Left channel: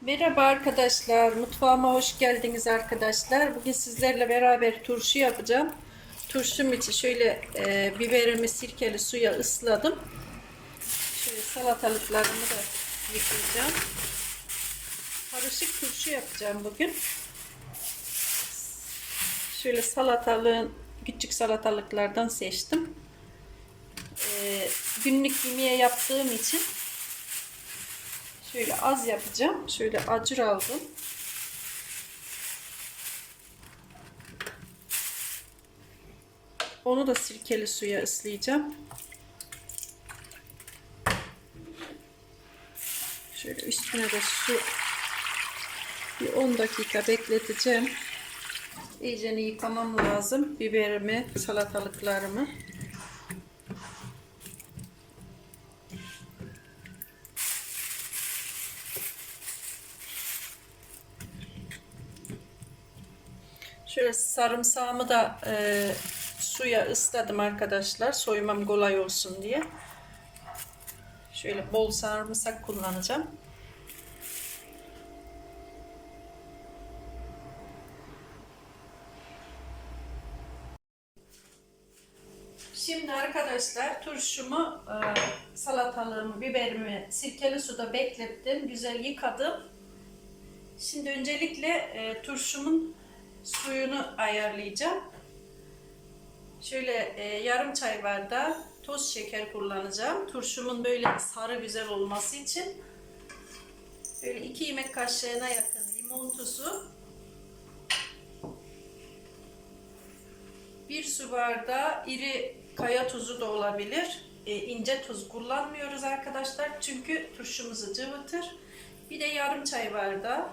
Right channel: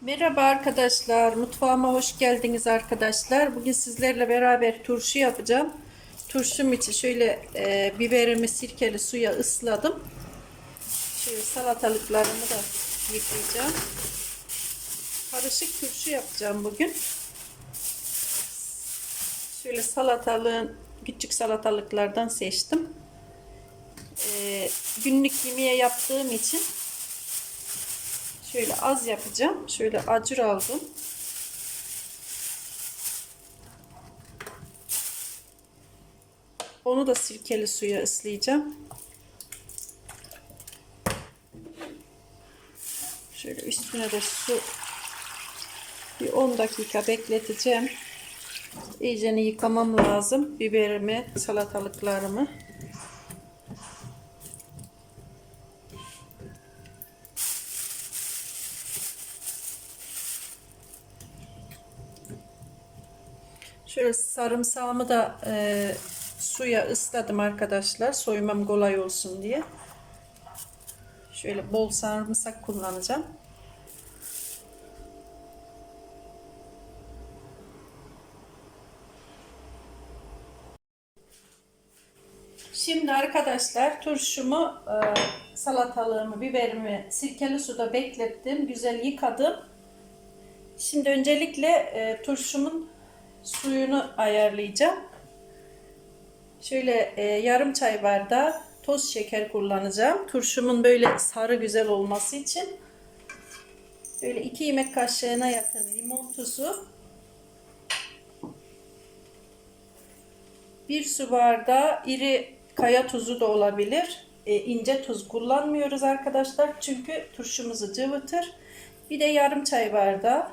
Merhaba arkadaşlar, mutfağıma hoş geldiniz arkadaşlar. Bugün sizlerle beraber turşu yapacağım. Turşum için şöyle e, biberimi sirkeli suya ısladım. Şöyle salatalıklarımı da yıkayacağım. Karışık turşu yapacağım bugün. Şöyle salatalığın küçük salatalıklardan seçtim. E, günlük yemeğe yaptığım için Şöyle az yapacağım. Şöyle acur aldım. Onu da sirkeli suya ıslayacağım. Şöyle üstüne de su bir 10 dakika bekleteceğim. İyicene yıkamam lazım. Biberimi, salatalıklarımı. Şöyle sarımsağımı da e, suya ısladım arkadaşlar. Soymam kolay olsun diye. Şöyle bol sarımsak kullanacağım. Şimdi arkadaşlar turşumu, e, salatalığımı, biberimi sirkeli suda beklettim. Güzel yıkadım. Şimdi öncelikle e, turşumun suyunu ayarlayacağım. Şöyle e, yarım çay bardağı toz şeker kullanacağım. Turşumun böyle sarı güzel olması için. Böyle 2 yemek kaşığına yakın limon tuzu. 1 su bardağı iri kaya tuzu da olabilir. E, ince tuz kullanmıyoruz arkadaşlar. Çünkü turşumuzu cıvıtır. Bir de yarım çay bardağı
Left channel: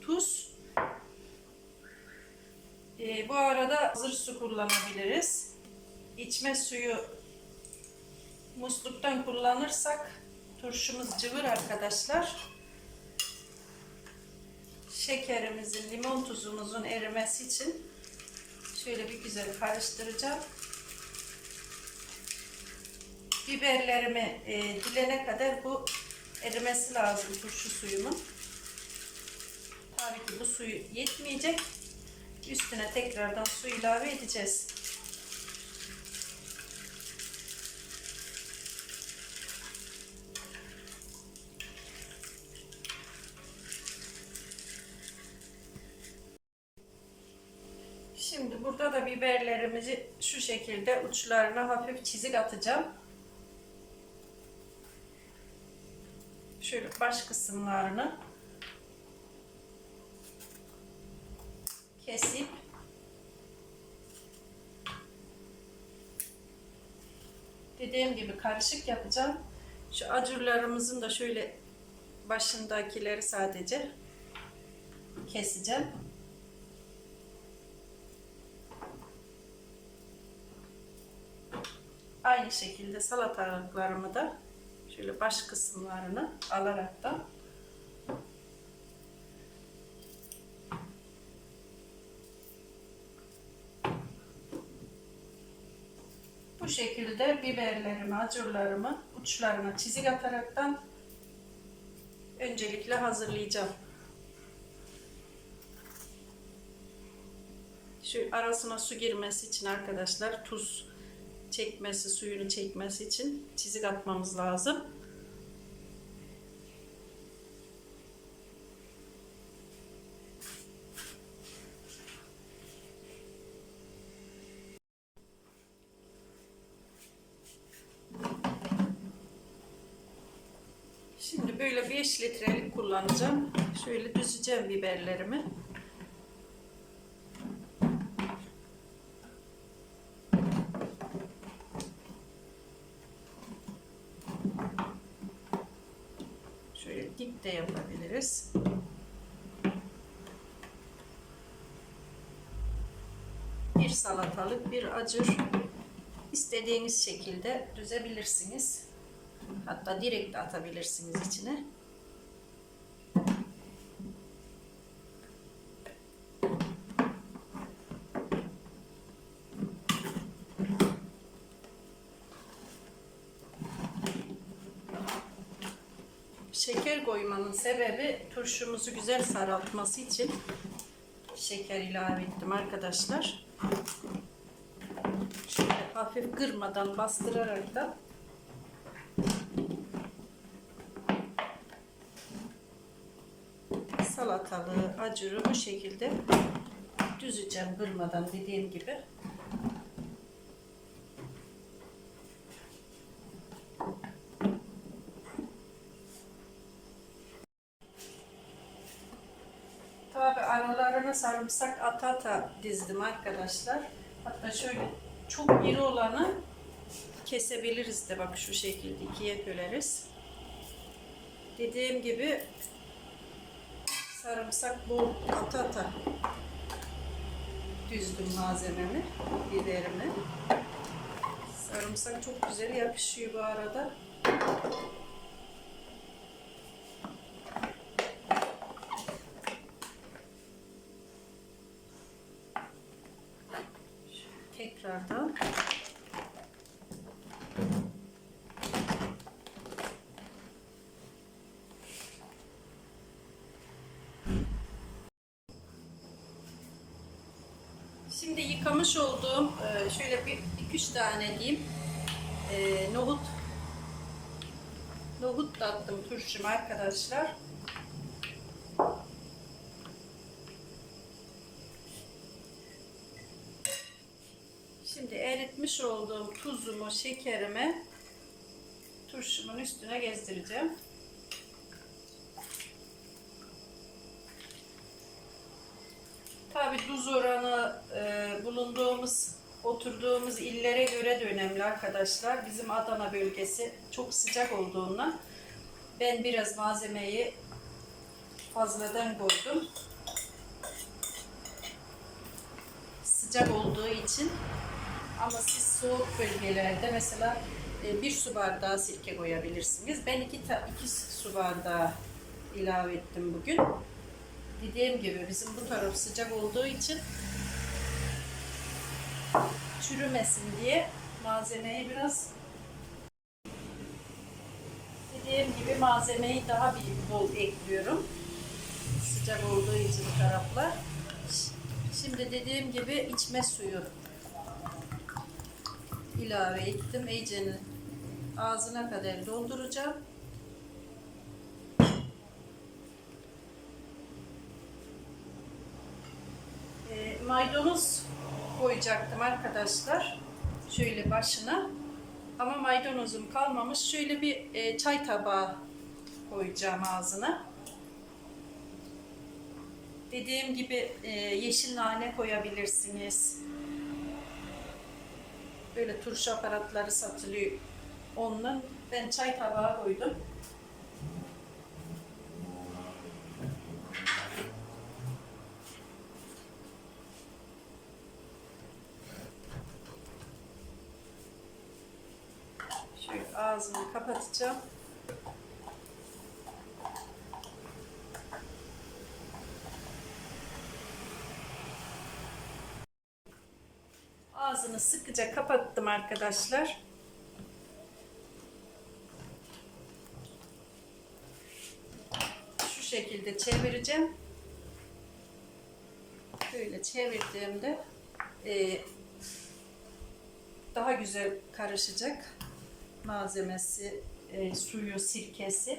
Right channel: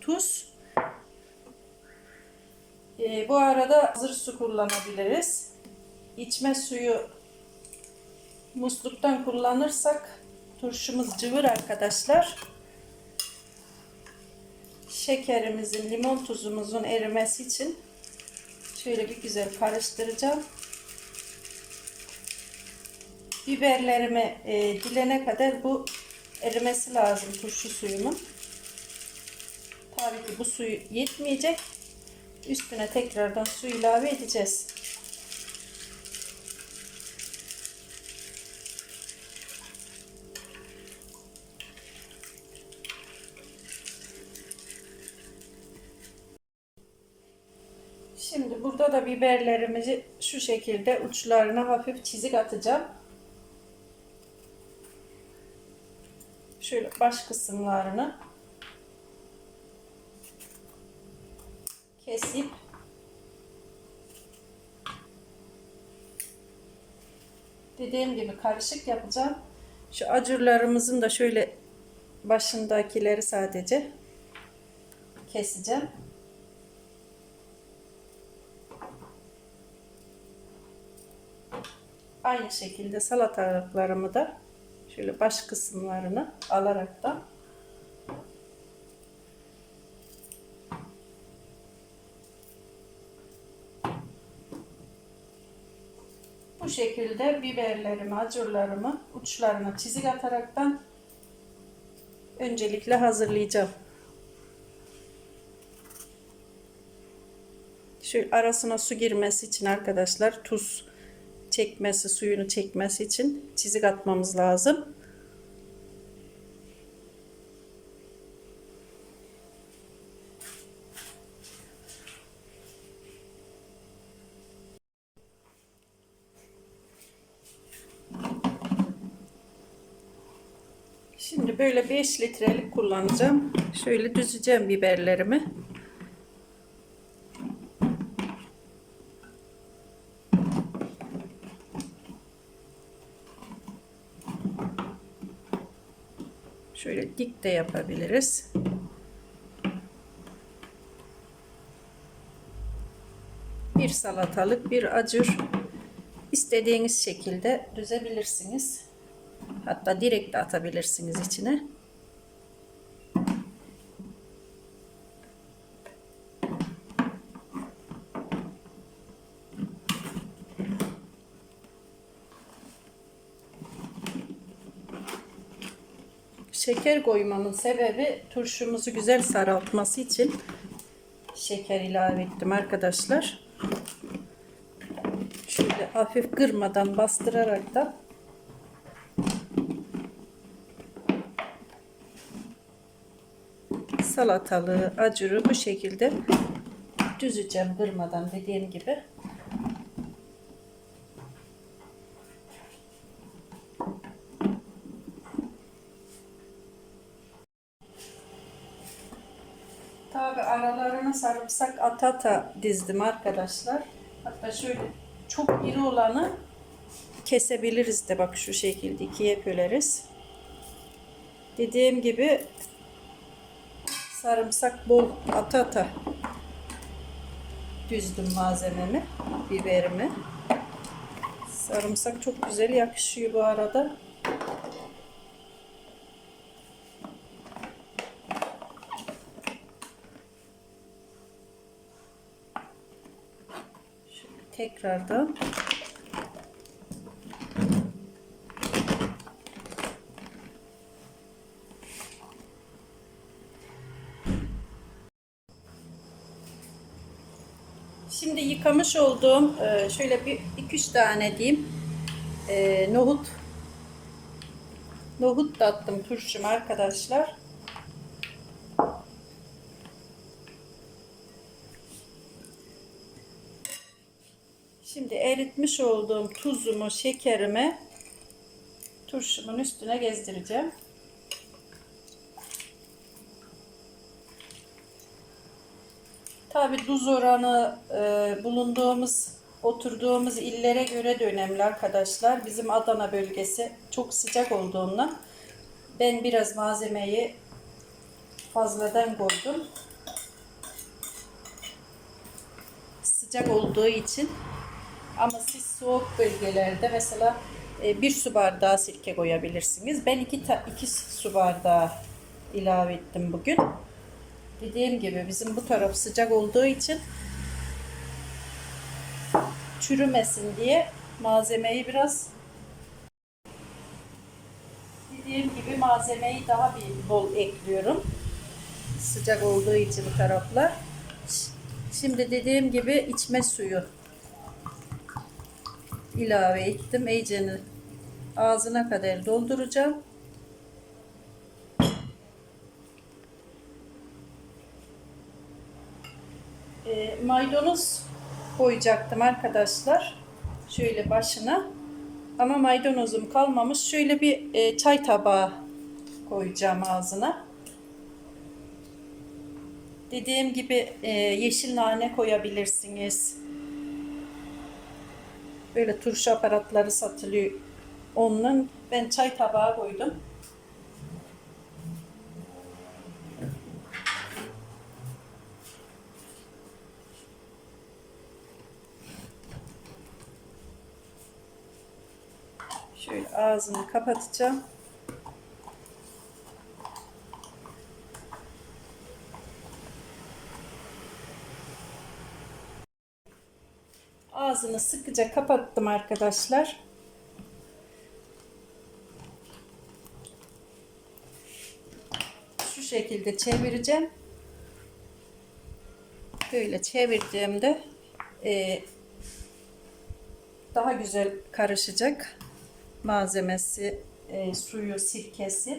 tuz. E, bu arada hazır su kullanabiliriz. İçme suyu musluktan kullanırsak turşumuz cıvır arkadaşlar. Şekerimizin, limon tuzumuzun erimesi için şöyle bir güzel karıştıracağım. Biberlerimi e, dilene kadar bu erimesi lazım turşu suyumun. Tabii ki bu suyu yetmeyecek. Üstüne tekrardan su ilave edeceğiz. Şimdi burada da biberlerimizi şu şekilde uçlarına hafif çizik atacağım. Şöyle baş kısımlarını kesip dediğim gibi karışık yapacağım. Şu acurlarımızın da şöyle başındakileri sadece keseceğim. Aynı şekilde salatalıklarımı da şöyle baş kısımlarını alarak da Bu şekilde biberlerimi, acurlarımı uçlarına çizik ataraktan öncelikle hazırlayacağım. Şu arasına su girmesi için arkadaşlar tuz çekmesi, suyunu çekmesi için çizik atmamız lazım. Böyle 5 litrelik kullanacağım. Şöyle düzeceğim biberlerimi. Şöyle dik de yapabiliriz. Bir salatalık, bir acur istediğiniz şekilde düzebilirsiniz. Hatta direkt de atabilirsiniz içine. şeker koymamın sebebi turşumuzu güzel saraltması için şeker ilave ettim arkadaşlar. Şöyle hafif kırmadan bastırarak da salatalığı, acuru bu şekilde düzeceğim kırmadan dediğim gibi. Tabi aralarına sarımsak ata ata dizdim arkadaşlar. Hatta şöyle çok iri olanı kesebiliriz de bak şu şekilde ikiye böleriz. Dediğim gibi sarımsak bol ata ata düzdüm malzememi, biberimi. Sarımsak çok güzel yakışıyor bu arada. Şöyle tekrardan Şimdi yıkamış olduğum e, şöyle bir 2-3 tane diyeyim e, nohut nohut da attım turşum arkadaşlar. Şimdi eritmiş olduğum tuzumu, şekerimi turşumun üstüne gezdireceğim. Tabi tuz oranı e, bulunduğumuz, oturduğumuz illere göre de önemli arkadaşlar. Bizim Adana bölgesi çok sıcak olduğundan ben biraz malzemeyi fazladan koydum. Sıcak olduğu için ama siz soğuk bölgelerde mesela e, bir su bardağı sirke koyabilirsiniz. Ben iki, ta, iki su bardağı ilave ettim bugün. Dediğim gibi bizim bu taraf sıcak olduğu için çürümesin diye malzemeyi biraz dediğim gibi malzemeyi daha bir bol ekliyorum. Sıcak olduğu için taraflar. Şimdi dediğim gibi içme suyu ilave ettim. İyiceni ağzına kadar dolduracağım. E, maydanoz koyacaktım arkadaşlar. Şöyle başına. Ama maydanozum kalmamış. Şöyle bir e, çay tabağı koyacağım ağzına. Dediğim gibi e, yeşil nane koyabilirsiniz. Böyle turşu aparatları satılıyor. Onun ben çay tabağı koydum. Şöyle ağzını kapatacağım. Ağzını sıkıca kapattım arkadaşlar. Şu şekilde çevireceğim. Böyle çevirdiğimde e, daha güzel karışacak malzemesi, e, suyu, sirkesi.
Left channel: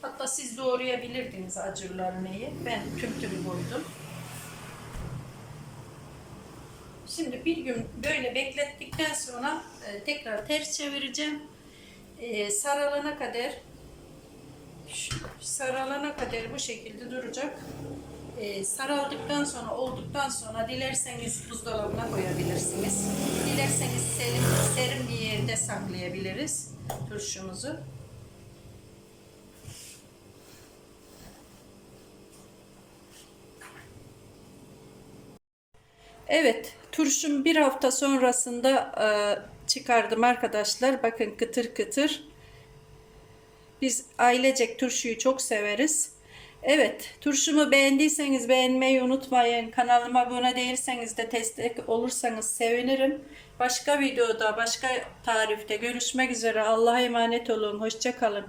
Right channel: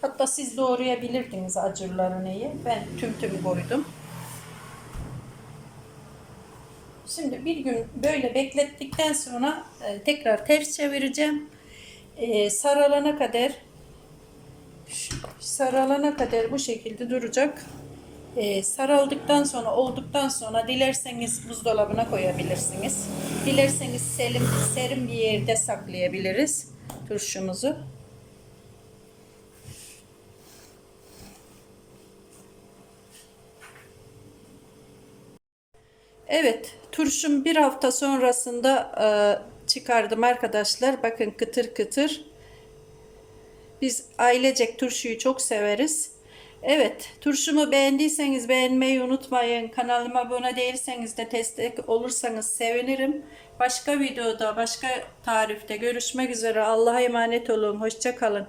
Hatta siz doğrayabilirdiniz acırlarını iyi. Ben tüm tüm koydum. Şimdi bir gün böyle beklettikten sonra e, tekrar ters çevireceğim. E, saralana kadar saralana kadar bu şekilde duracak. Ee, saraldıktan sonra olduktan sonra dilerseniz buzdolabına koyabilirsiniz. Dilerseniz serin, serin bir yerde saklayabiliriz turşumuzu. Evet, turşum bir hafta sonrasında e, çıkardım arkadaşlar. Bakın kıtır kıtır. Biz ailecek turşuyu çok severiz. Evet, turşumu beğendiyseniz beğenmeyi unutmayın. Kanalıma abone değilseniz de destek olursanız sevinirim. Başka videoda, başka tarifte görüşmek üzere. Allah'a emanet olun. Hoşça kalın.